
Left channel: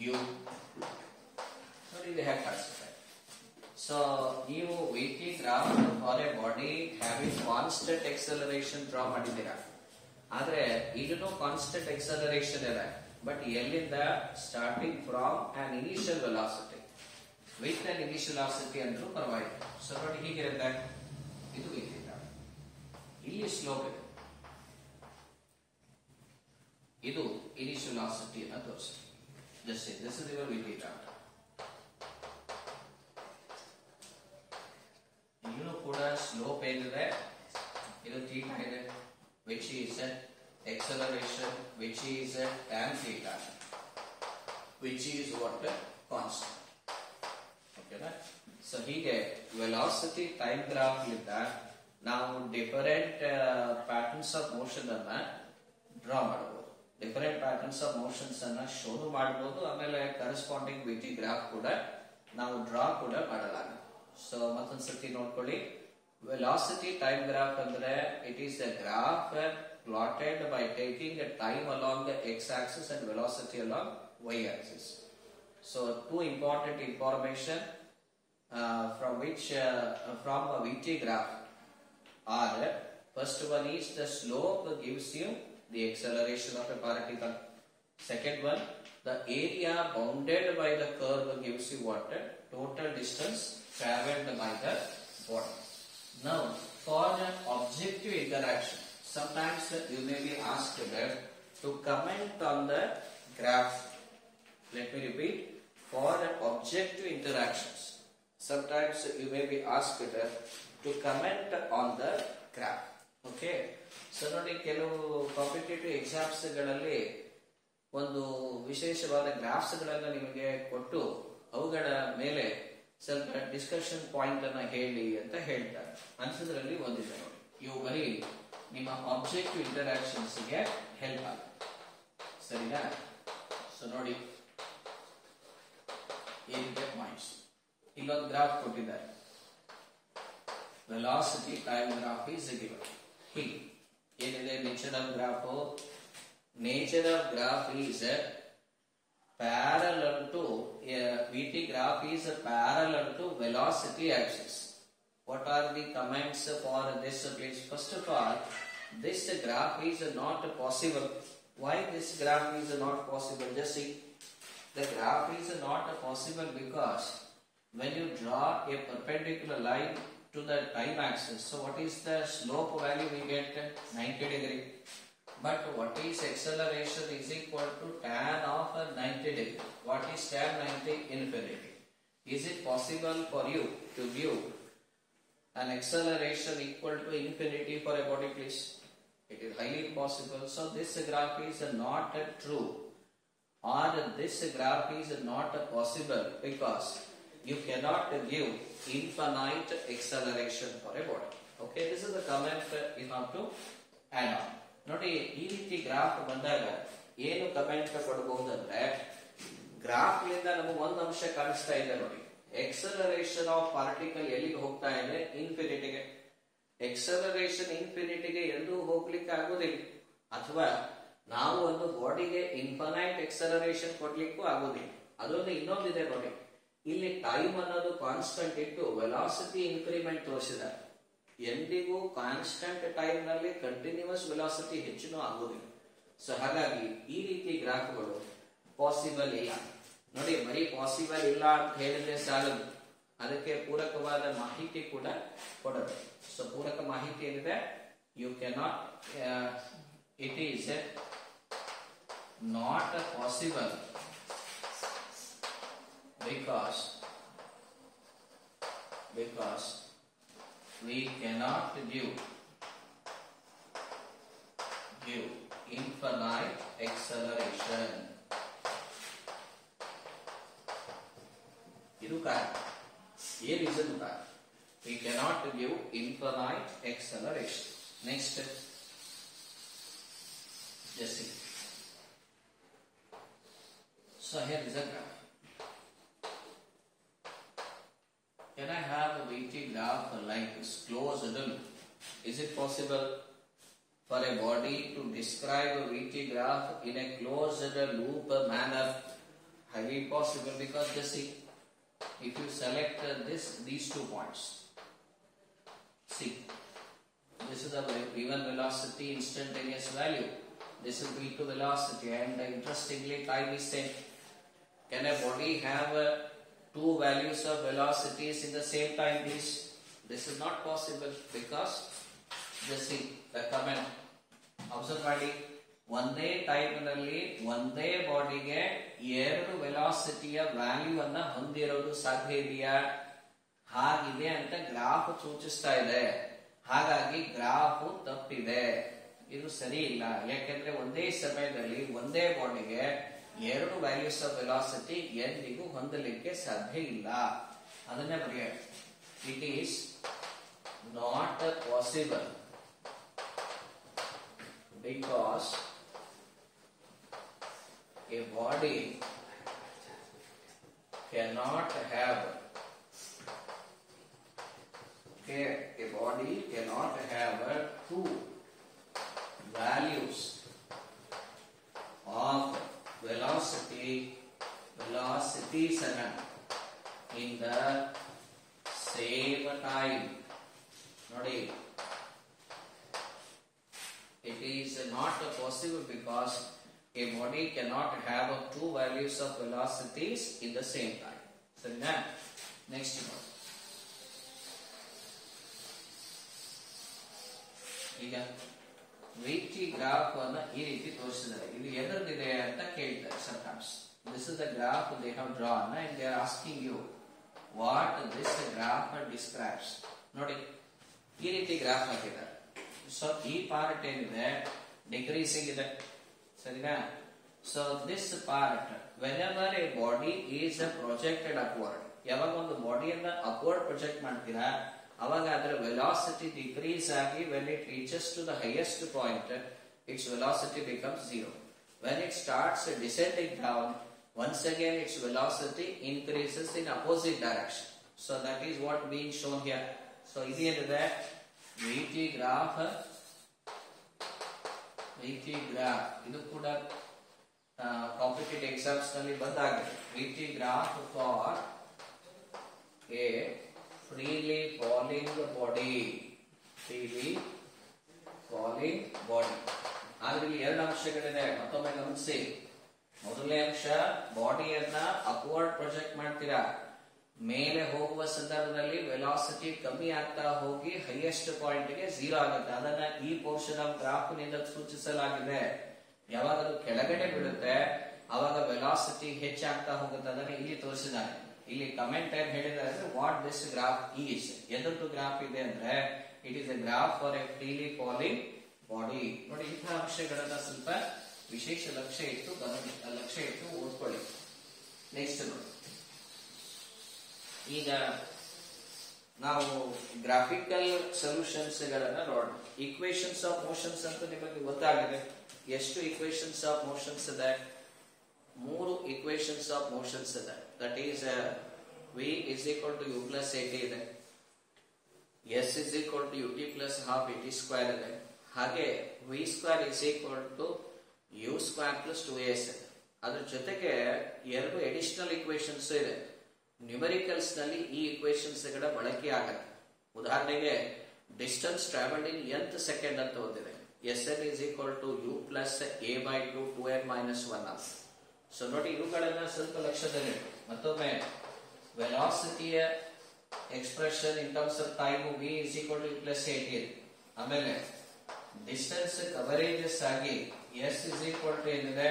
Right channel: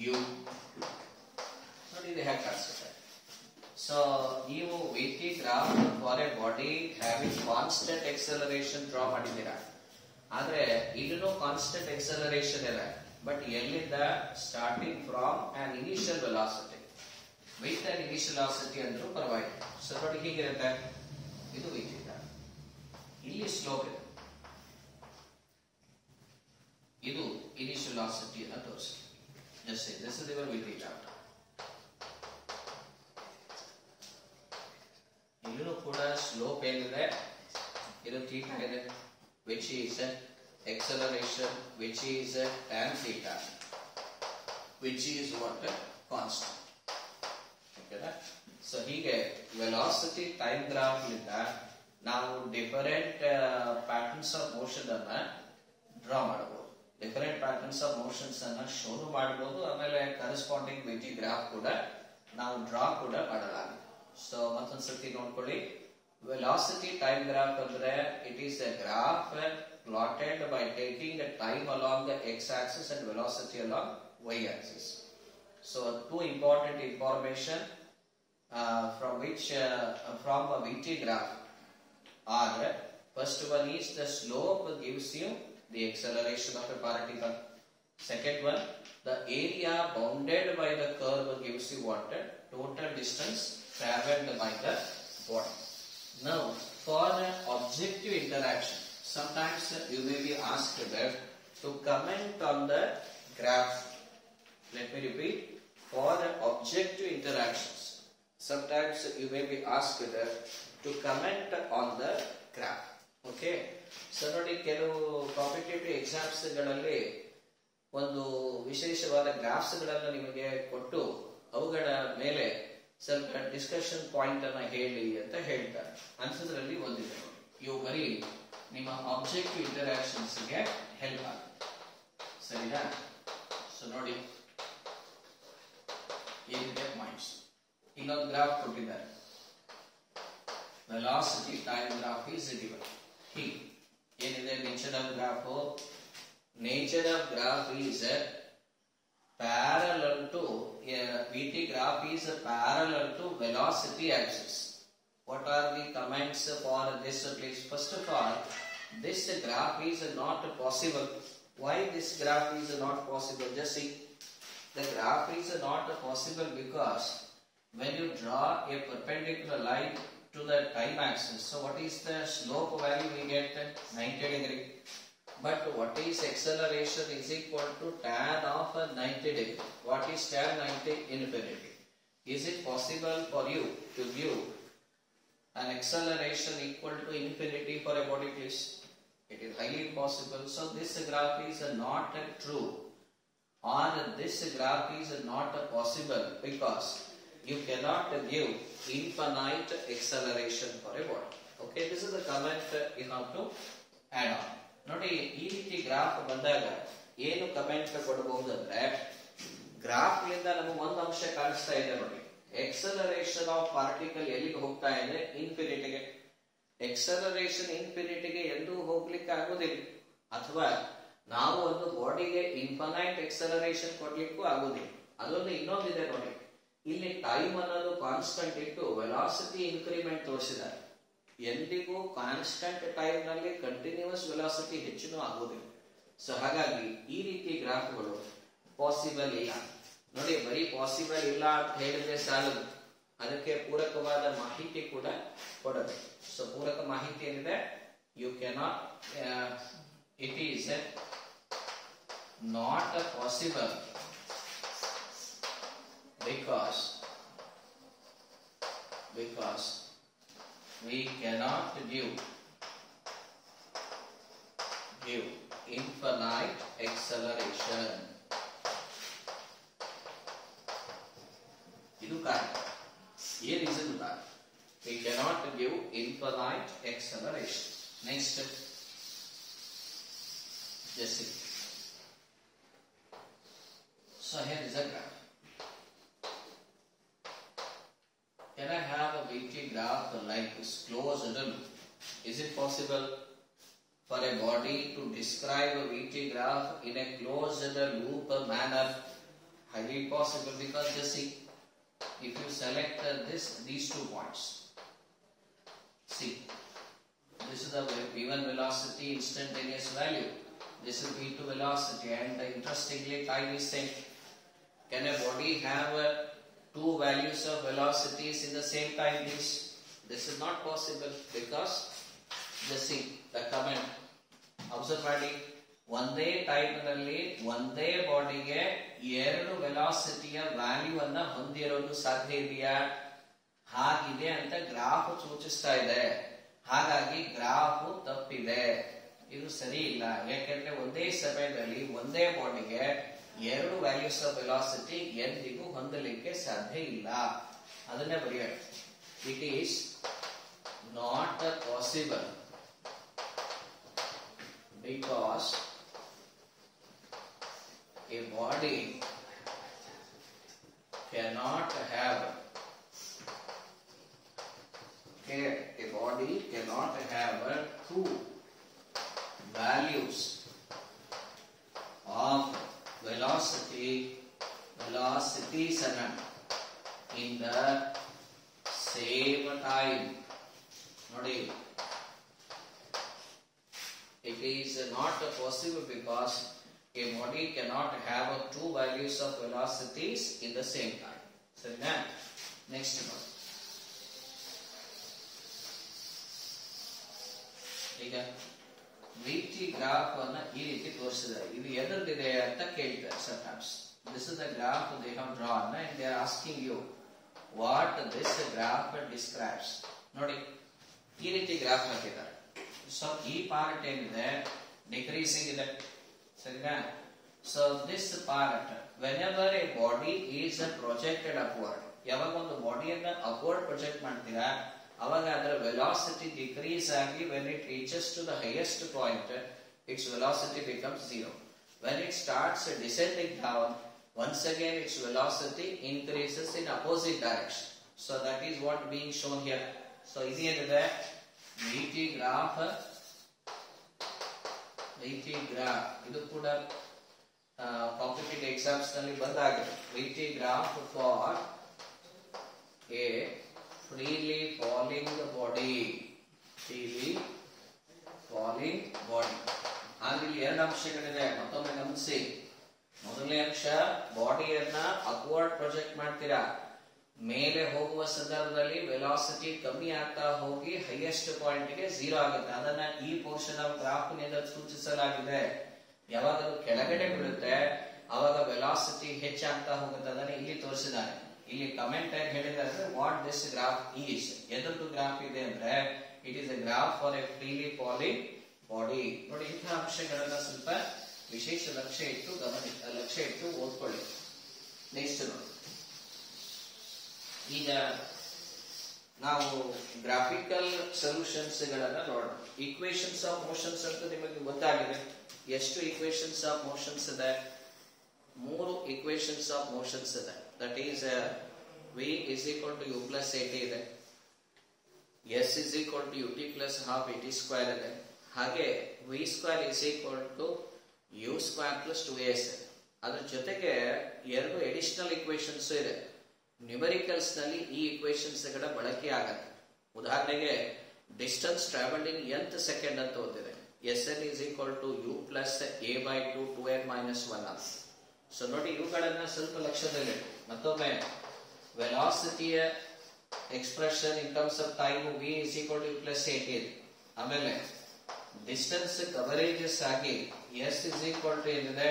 u. ನೋಡಿ ಇದು ಹೇಗೆ ಕಾಣಿಸುತ್ತೆ. ಸೊ ನೀವು VT graph for a body having constant acceleration draw ಮಾಡಿದ್ದೀರಾ, ಆದ್ರೆ ಇದನ್ನು constant acceleration ಇದೆ. ಬಟ್ ಎಲ್ಲಿಂದ? Starting from on initial velocity. With on initial velocity ಅಂದ್ರೂ ಪರವಾಗಿಲ್ಲ. ಸೊ ನೋಡಿ ಹೀಗಿರುತ್ತೆ, ಇದು VT ಗ್ರಾಫ್. ಇಲ್ಲಿ ಸ್ಲೋಪ್ ಇದೆ, ಇದು ಇನಿಷಿಯಲ್ ವೆಲಾಸಿಟಿ ಅನ್ನು ತೋರಿಸಿ. This is your VT graph. ಇಲ್ಲೂ ಕೂಡ ಸ್ಲೋಪ್ ಏನಿದೆ, ಇದು ಥೀಟಾ ಇದೆ, which is acceleration, which is tan theta, which is what, constant. Okay, so ಹೀಗೆ velocity time graph ಇಂದ ನಾವು ಡಿಫರೆಂಟ್ ಪ್ಯಾಟರ್ನ್ಸ್ ಆಫ್ ಮೋಷನ್ ಅನ್ನ ಡ್ರಾ ಮಾಡಬಹುದು, ಡಿಫರೆಂಟ್ ಪ್ಯಾಟರ್ನ್ಸ್ ಆಫ್ ಮೋಷನ್ಸ್ ಅನ್ನ ಶೋ ಮಾಡಬಹುದು. ಆಮೇಲೆ ಕರೆಸ್ಪಾಂಡಿಂಗ್ VT ಗ್ರಾಫ್ ಕೂಡ ನಾವು ಡ್ರಾ ಕೂಡ ಮಾಡಲಾಗಿದೆ. ಸೊ ಮತ್ತೊಂದ್ಸತಿ ನೋಡ್ಕೊಳ್ಳಿ, ವೆಲಾಸಿಟಿ ಟೈಮ್ ಗ್ರಾಫ್ ಅಂದ್ರೆ it is a graph plotted by taking a time along the x-axis and velocity along y-axis. So two important information from a VT graph are, first one is the slope gives you the acceleration of a particle. Second one, the area bounded by the curve gives you what, total distance traveled by the body. Now for the objective interaction, sometimes you may be asked to comment on the graph. Let me repeat. For the objective interactions, sometimes you may be asked to comment on the graph. Okay. So ನೋಡಿ, ಕೆಲವು competitive exams ಗಳಲ್ಲಿ ಒಂದು ವಿಶೇಷವಾದ ಗ್ರಾಫ್ಸ್ ಗಳನ್ನ ನಿಮಗೆ ಕೊಟ್ಟು ಅವುಗಳ ಮೇಲೆ ಸ್ವಲ್ಪ ಡಿಸ್ಕಷನ್ ಪಾಯಿಂಟ್ ಅನ್ನ ಹೇಳಿ ಅಂತ ಹೇಳ್ತಾರೆ. ಅನ್ಸೋದ್ರಲ್ಲಿ ಒಂದಿದೆ ನೋಡಿ, ಇವು ಬರೀ ನಿಮ್ಮ ಆಬ್ಜೆಕ್ಟಿವ್ ಇಂಟರಾಕ್ಷನ್ಸ್ ಗೆ ಹೆಲ್ಪ್ ಆಗುತ್ತೆ. ಸರಿನಾ? ಸೊ ನೋಡಿ, ಏನಿದೆ ಪಾಯಿಂಟ್ಸ್. ಇಲ್ಲೊಂದು ಗ್ರಾಫ್ ಕೊಟ್ಟಿದ್ದಾರೆ, velocity time graph is given. ಹೀಗೆ ಏನಿದೆ nature of graph? Nature of graph is parallel to VT graph is parallel to velocity axis. What are the comments for this, please? First of all, this graph is not possible. Why this graph is not possible? Just see, the graph is not possible because when you draw a perpendicular line to the time axis, so what is the slope value we get? 90 degree. But what is acceleration is equal to tan of 90 degree. What is tan 90? Infinity. Is it possible for you to view an acceleration equal to infinity for a body, please? possible. So this graph is not true, or this graph is not possible, because you cannot give infinite acceleration for a body. Okay, this is the comment you have to add on. ನೋಡಿ ಈ ರೀತಿ ಗ್ರಾಫ್ ಬಂದಾಗ ಏನು ಕಮೆಂಟ್ ಕೊಡಬಹುದಂದ್ರೆ, ಗ್ರಾಫ್ ಲಿಂದ ನಮಗೆ ಒಂದು ಅಂಶ ಕಾಣಿಸ್ತಾ ಇದೆ ನೋಡಿ, ಎಕ್ಸಲರೇಷನ್ ಆಫ್ ಪಾರ್ಟಿಕಲ್ ಎಲ್ಲಿಗೆ ಹೋಗ್ತಾ ಇದೆ? ಇನ್ಫಿನಿಟಿಗೆ. ಎಕ್ಸಲರೇಷನ್ ಇನ್ಫಿನಿಟಿಗೆ ಎಂದೂ ಹೋಗ್ಲಿಕ್ಕೆ ಆಗುದಿಲ್ಲ, ಅಥವಾ ನಾವು ಒಂದು ಬಾಡಿಗೆ ಇನ್ಫಿನೈಟ್ ಎಕ್ಸಲರೇಷನ್ ಕೊಡ್ಲಿಕ್ಕೂ ಆಗುದಿಲ್ಲ. ಅದೊಂದು ಇನ್ನೊಂದಿದೆ ನೋಡಿ, ಇಲ್ಲಿ ಟೈಮ್ ಅನ್ನೋದು ಕಾನ್ಸ್ಟಂಟ್ ಇಟ್ಟು ವೆಲಾಸಿಟಿ ಇನ್ಕ್ರಿಮೆಂಟ್ ತೋರಿಸಿದ್ದಾರೆ. ಎಂದಿಗೂ ಕಾನ್ಸ್ಟಂಟ್ ಟೈಮ್ ನಲ್ಲಿ ಕಂಟಿನ್ಯೂಸ್ ವೆಲಾಸಿಟಿ ಹೆಚ್ಚಿನೂ ಆಗುದಿಲ್ಲ. ಸೊ ಹಾಗಾಗಿ ಈ ರೀತಿ ಗ್ರಾಫ್ಗಳು ಪಾಸಿಬಲ್ ಇಲ್ಲ. ನೋಡಿ, ಬರೀ ಪಾಸಿಬಲ್ ಇಲ್ಲ ಅಂತ ಹೇಳಿದ್ರೆ ಸಾಲದು, ಅದಕ್ಕೆ ಪೂರಕವಾದ ಮಾಹಿತಿ ಕೂಡ ಕೊಡಬೇಕು. ಸೊ ಪೂರಕ ಮಾಹಿತಿ ಏನಿದೆ, you cannot, it is not possible because we cannot give infinite acceleration. ಇದು ಕಾರಣ. ये reason ಕಾರಣ. We cannot give infinite acceleration. Next, just see. So here is a graph. Can I have a VT graph like this closed loop? Is it possible for a body to describe a VT graph in a closed loop manner? Highly possible, because just see, if you select these 2 points, see, this is the given velocity, instantaneous value. This is V2 velocity, and interestingly, time is same. Can a body have 2 values of velocities in the same time? This is not possible, because just see the comment. Observe ಮಾಡಿ, ಒಂದೇ ಟೈಮ್ ನಲ್ಲಿ ಒಂದೇ ಬಾಡಿಗೆ 2 ವೆಲಾಸಿಟಿಯ ವ್ಯಾಲ್ಯೂ ಅನ್ನ ಹೊಂದಿರೋದು ಸಾಧ್ಯ ಇದೆಯಾ? ಹಾಗಿದೆ ಅಂತ ಗ್ರಾಫ್ ಸೂಚಿಸ್ತಾ ಇದೆ. ಹಾಗಾಗಿ ಗ್ರಾಫ್ ತಪ್ಪಿದೆ, ಇದು ಸರಿ ಇಲ್ಲ. ಯಾಕೆಂದ್ರೆ ಒಂದೇ ಸಮಯದಲ್ಲಿ ಒಂದೇ ಬಾಡಿಗೆ 2 ವ್ಯಾಲ್ಯೂಸ್ ಆಫ್ ವೆಲಾಸಿಟಿ ಎಂದಿಗೂ ಹೊಂದಲಿಕ್ಕೆ ಸಾಧ್ಯ ಇಲ್ಲ. ಅದನ್ನೇ ಬರೆಯೋಣ. It is not possible because a body cannot have two values of velocities in the same time. ನೋಡಿ, it is not possible because a body cannot have 2 values of velocities in the same time. So now, next one. ಈಗ VT graph ಅನ್ನು ಈ ರೀತಿ ತೋರಿಸಿದ್ದಾರೆ. ಇದು ಎದರದಿದೆ ಅಂತ ಕೇಳ್ತಾರೆ sometimes. This is the graph they have drawn and they are asking you what this graph describes. ನೋಡಿ, ಈ ರೀತಿ ಗ್ರಾಫ್ ಹಾಕಿದ್ದಾರೆ. ಸೊ ಈ ಪಾರ್ಟ್ ಏನಿದೆ ಡಿಕ್ರೀಸಿಂಗ್ ಇದೆ, ಸರಿನಾ? So this part, whenever A body is projected upward, ಯಾವಾಗ ಒಂದು ಬಾಡಿಯನ್ನ ಅಪ್ವರ್ಡ್ ಪ್ರೊಜೆಕ್ಟ್ ಮಾಡ್ತೀರಾ ಅವಾಗ ಅದರ ವೆಲಾಸಿಟಿ ಡಿಕ್ರೀಸ್ ಆಗಿ when it reaches to the highest point its velocity becomes 0. When it starts descending down, once again its velocity increases in opposite direction. So that is what being shown here. So ಇದೇನಿದೆ, VT graph, ಇದು ಕೂಡ competitive exams ನಲ್ಲಿ ಬಂದಾಗಿದೆ. VT graph for a freely falling body. ಆದ್ರೆ ಇಲ್ಲಿ 2 ಅಂಶಗಳಿದೆ, ಮತ್ತೊಮ್ಮೆ ಗಮನಿಸಿ. ಮೊದಲನೇ ಅಂಶ, ಬಾಡಿಯನ್ನ ಅಪ್ವರ್ಡ್ ಪ್ರೊಜೆಕ್ಟ್ ಮಾಡ್ತೀರಾ, ಮೇಲೆ ಹೋಗುವ ಸಂದರ್ಭದಲ್ಲಿ ವೆಲಾಸಿಟಿ ಕಮ್ಮಿ ಆಗ್ತಾ ಹೋಗಿ ಹೈಯೆಸ್ಟ್ ಪಾಯಿಂಟ್ ಗೆ 0 ಆಗುತ್ತೆ. ಅದನ್ನ ಈ ಪೋರ್ಷನ್ ಆಫ್ ಗ್ರಾಫ್ ನಿಂದ ಸೂಚಿಸಲಾಗಿದೆ. ಯಾವಾಗ ಅದು ಕೆಳಗಡೆ ಬೀಳುತ್ತೆ ಅವಾಗ ವೆಲಾಸಿಟಿ ಹೆಚ್ಚಾಗ್ತಾ ಹೋಗುತ್ತೆ. ಅದನ್ನ ಇಲ್ಲಿ ತೋರಿಸಿದ್ದಾರೆ. ಇಲ್ಲಿ ಕಮೆಂಟ್ ಏನ್ ಹೇಳಿದ್ದಾರೆ, ವಾಟ್ ದಿಸ್ ಗ್ರಾಫ್ ಈಸ್, ಎದರದ್ದು ಗ್ರಾಫ್ ಇದೆ ಅಂದ್ರೆ it is a graph for a freely falling body ನೋಡಿ. ಇಂತಹ ಅಂಶಗಳನ್ನ ಸ್ವಲ್ಪ ವಿಶೇಷ ಲಕ್ಷ್ಯ ಇಟ್ಟು ಓದ್ಕೊಳ್ಳಿ. ನೆಕ್ಸ್ಟ್ ನೋಡಿ, ಈಗ ನಾವು ಗ್ರಾಫಿಕಲ್ ಸೊಲ್ಯೂಷನ್ಸ್ ಗಳನ್ನ ನೋಡೋಣ. ಈಕ್ವೇಶನ್ಸ್ ಆಫ್ ಮೋಷನ್ಸ್ ಅಂತ ನಿಮಗೆ ಗೊತ್ತಾಗಿದೆ. ಎಷ್ಟು ಈಕ್ವೇಶನ್ಸ್ ಆಫ್ ಮೋಷನ್ಸ್ ಇದೆ? 3 ಈಕ್ವೇಶನ್ಸ್ ಆಫ್ ಮೋಷನ್ಸ್ ಇದೆ. That is v is equal to u plus at ಇದೆ, s is equal to ut plus half at square ಇದೆ, ಹಾಗೆ v square is equal to u square plus 2as ಇದೆ. ಅದರ ಜೊತೆಗೆ 2 additional equations ಇದೆ. ನ್ಯೂಮರಿಕಲ್ಸ್ ನಲ್ಲಿ ಈ ಈಕ್ವೇಶನ್ಸ್ ಗಳ ಬಳಕೆ ಆಗತ್ತೆ. ಉದಾಹರಣೆಗೆ ಡಿಸ್ಟೆನ್ಸ್ ಟ್ರಾವೆಲ್ಡ್ ಇನ್ nth ಸೆಕೆಂಡ್ ಅಂತ ಓದಿದೆ. Sn is equal to u plus a by 2 2n minus 1 ಅಂತ. ಸೊ ನೋಡಿ, ಇವುಗಳನ್ನ ಸ್ವಲ್ಪ ಲಕ್ಷ್ಯದಲ್ಲಿ ಮತ್ತೊಮ್ಮೆ ವೆಲಾಸಿಟಿಯ expression in terms of time v is equal to u plus 8 ಇದೆ. ಆಮೇಲೆ ಡಿಸ್ಟೆನ್ಸ್ ಕವರೇಜಸ್ ಆಗಿ s is equal to ಏನಿದೆ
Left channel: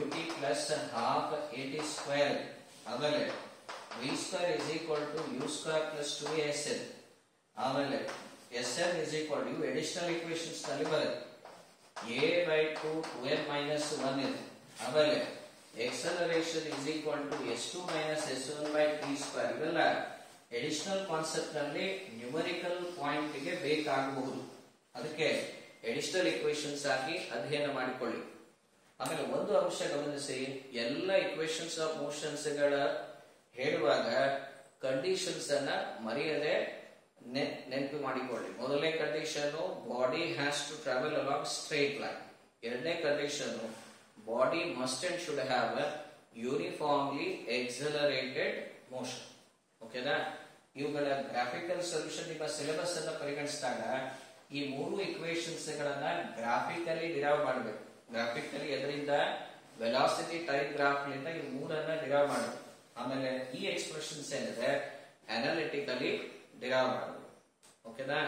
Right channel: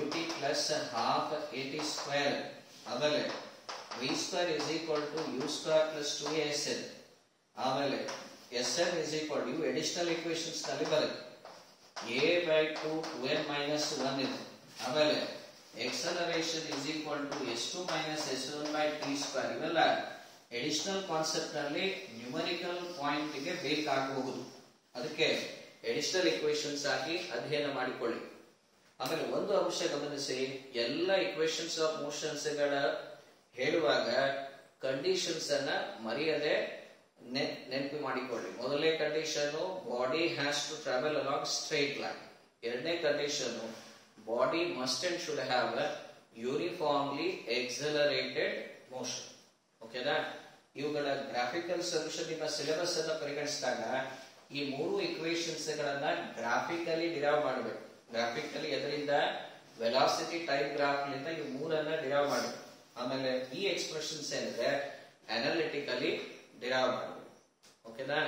ut plus half at square. ಆಮೇಲೆ v square is equal to u square plus 2as ಇದೆ. ಆಮೇಲೆ sm is equal to ಇವು additional equations ನಲ್ಲಿ ಬರುತ್ತೆ. a by 2 2n minus 1 ಇದೆ. ಆಮೇಲೆ acceleration is equal to s2 minus s1 by t square. ಇವೆಲ್ಲ additional concept ನಲ್ಲಿ numerical point ಗೆ ಬೇಕಾಗಬಹುದು. ಅದಕ್ಕೆ ಅಡಿಷನಲ್ ಈಕ್ವೇಶನ್ಸ್ ಆಗಿ ಅಧ್ಯಯನ ಮಾಡಿಕೊಳ್ಳಿ. ಆಮೇಲೆ ಒಂದು ಅಂಶ ಗಮನಿಸಿ, ಎಲ್ಲ ಈಕ್ವೇಶನ್ಸ್ ಆಫ್ ಮೋಷನ್ಸ್ ಗಳ ಹೇಳುವಾಗ ಕಂಡೀಷನ್ಸ್ ಅನ್ನ ಮರೆಯದೆ ನೆನಪು ಮಾಡಿಕೊಳ್ಳಿ. ಮೊದಲನೇ condition body has to travel along straight line. ಎರಡನೇ condition body must and should have uniformly accelerated motion. ಓಕೆನಾ? ಇವುಗಳ ಗ್ರಾಫಿಕಲ್ ಸೊಲ್ಯೂಷನ್ ನಿಮ್ಮ ಸಿಲೆಬಸ್ ಅನ್ನ ಪರಿಗಣಿಸಿದಾಗ ಈ 3 ಈಕ್ವೇಶನ್ಸ್ ಗಳನ್ನ ಗ್ರಾಫಿಕಲಿ ಡಿರೈವ್ ಮಾಡಬೇಕು. ಗ್ರಾಫಿಕಲಿ ಎದರಿಂದ ವೆಲಾಸಿಟಿ ಟೈಮ್ ಗ್ರಾಫ್ ಲಿಂದ ಈ 3ಅನ್ನ ಡಿರೈವ್ ಮಾಡಬೇಕು. ಆಮೇಲೆ ಈ ಎಕ್ಸ್ಪ್ರೆಷನ್ಸ್ ಏನಿದೆ ಅನಾಲಿಟಿಕಲಿ ಡಿರೈವ್ ಮಾಡಬೇಕು. ಓಕೆನಾ?